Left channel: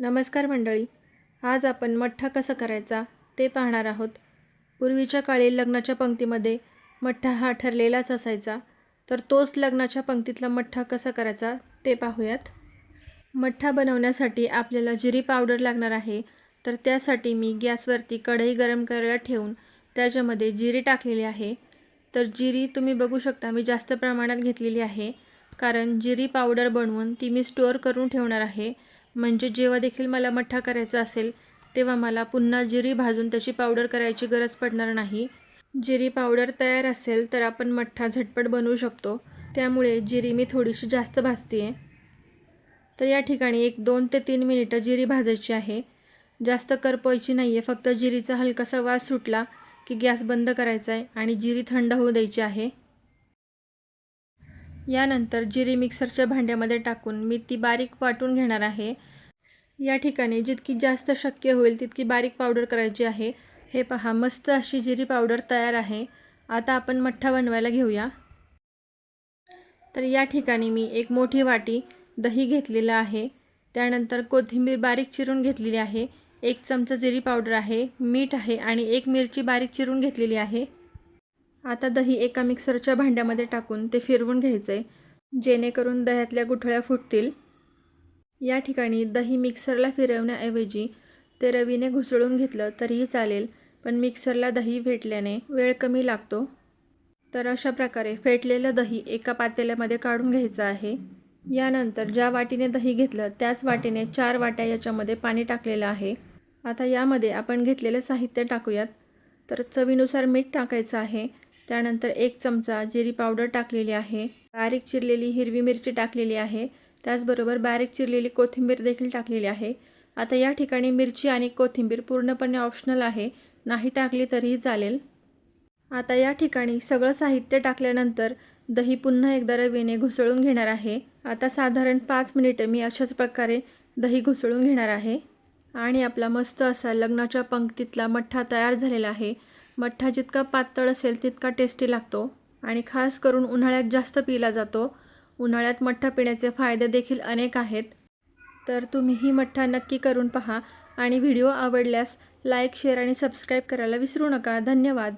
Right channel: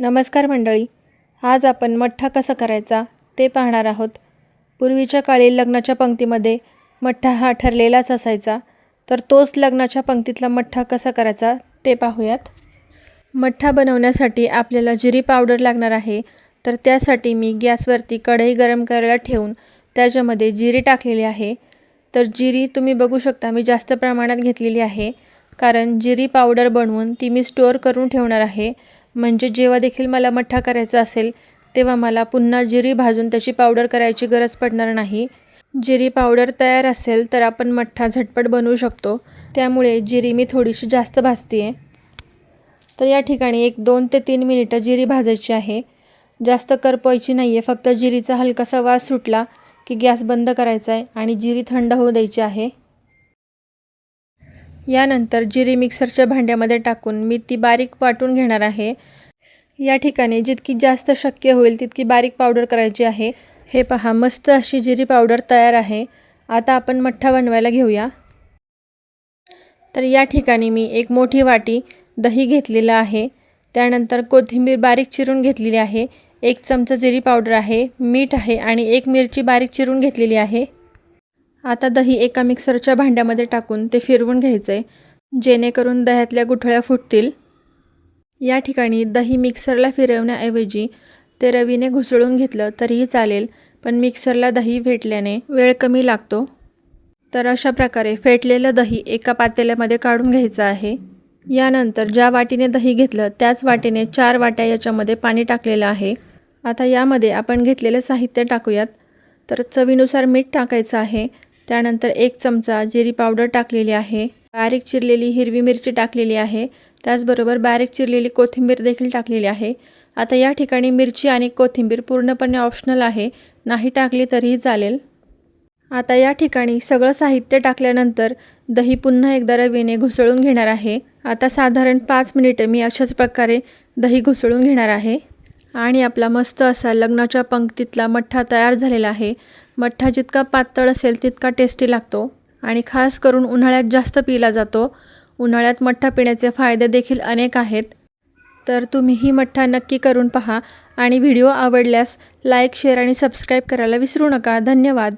नमस्कार मंडळी. आज आपण मठ्ठा कसा करायचा ते पाहणार आहोत. पूर्वीच्या काळी लग्नाच्या पंक्तीमध्ये मठ्ठा हा ठरलेलाच असायचा, तर तोच लग्नाच्या पंक्तीतला मठ्ठा कसा करायचा ते पाहूयात. मठ्ठा बनवण्यासाठी आपल्याला जिरी पावडर लागणार आहे. तर त्यासाठी मी गॅसवरती कढई गरम करायला ठेवून त्याच्यामध्ये जिरी टाकलेली आहे. तर जिरी तुम्ही बघू शकता मी जास्त प्रमाणात घेतलेली आहे, कारण जिरी पावडर बनवून ती मी स्टोअर करून ठेवणार आहे. म्हणजे जेव्हा देखील मला मठ्ठा करायचा असेल तेव्हा मला पुन्हा जिरी भाजून त्याची पावडर करायची गरज पडणार नाही. जिरी पावडर तयार असेल तर आपण मठ्ठा झटपट बनवू शकतो. त्यामुळे जिरी मी थोडीशी जास्त भाजते आहे. तर या ठिकाणी 2 ते 3 मिनिटं जिरी भाजायची आहे. जास्त करपवायची नाही आहे. फक्त जिरीचा हलकासा वास सुटला की गॅस बंद करायचा आहे आणि जिरी थंड होऊ द्यायची आहे. यानंतर जिरी मिक्सरच्या भांड्यामध्ये टाकून मी ती बारीक वाटून घेणार आहे. या ठिकाणी जितकी जास्त शक्य होईल तितकी बारीक पावडर करायची आहे. हे पहा, मस्त अशी जिरी पावडर तयार आहे. आता आपण मठ्ठा बनवायला घेऊया. तर या ठिकाणी मी एक मोठी वाटी दही घेतलेलं आहे. त्यानंतर कोथिंबीर बारीक चिरून घेतलेली आहे. 1 चमचा जिरी पावडर आहे, मीठ आहे आणि 1 मिरची बारीक चिरून घेतलेली आहे. आता दही एका मिक्सरच्या भांड्यामध्ये टाकून ते फिरवून घ्यायचं आहे, जेणेकरून दह्यातल्या गुठळ्या फुटतील. या ठिकाणी दही मिक्सरला फिरवण्याऐवजी ते रवीने घुसळून घेतलं तरीही चालेल, पण मिक्सरला दही फेटल्याने वेळ कमी लागतो. तर अशा प्रकारे फेटलेलं दही एका पातेल्यामध्ये काढून घ्यायचं आहे. यानंतर ज्या वाटीने दही घेतलं त्याच वाटीने 4 वाट्या याच्यामध्ये पाणी टाकलेलं आहे. आता यामध्ये आपण घेतलेलं साहित्य टाकूयात. तर चवीनुसार मीठ टाकायचं आहे. त्यानंतर 1 चमचा जिरी पावडर टाकलेली आहे. बारीक चिरलेली हिरवी मिरची टाकलेली आहे. त्याचबरोबर बारीक चिरलेली कोथिंबीर देखील टाकलेली आहे. आता या ठिकाणी मिरची आणि कोथिंबीर पूर्णपणे ऑप्शनल आहे, नाही टाकली तरीही चालेल. आता या ठिकाणी सगळं साहित्य टाकल्यानंतर दही पुन्हा एकदा रवीने घुसळून घेणार आहे. आता साधारण 5 मिनिटं मी अशाच प्रकारे दही घुसळून घेणार आहे. आणि आपला मस्त असा लग्नाच्या पंक्तीतला मठ्ठा तयार झालेला आहे. मठ्ठा जितका पातळ असेल तितका टेस्टी लागतो आणि खास करून उन्हाळ्यात जास्त पिला जातो. उन्हाळ्यात मठ्ठा पिण्याचे फायदे देखील अनेक आहेत. तर तुम्हीही मठ्ठा नक्की करून पहा आणि व्हिडिओ आवडल्यास लाईक, शेअर आणि सबस्क्राईब करायला विसरू नका. धन्यवाद.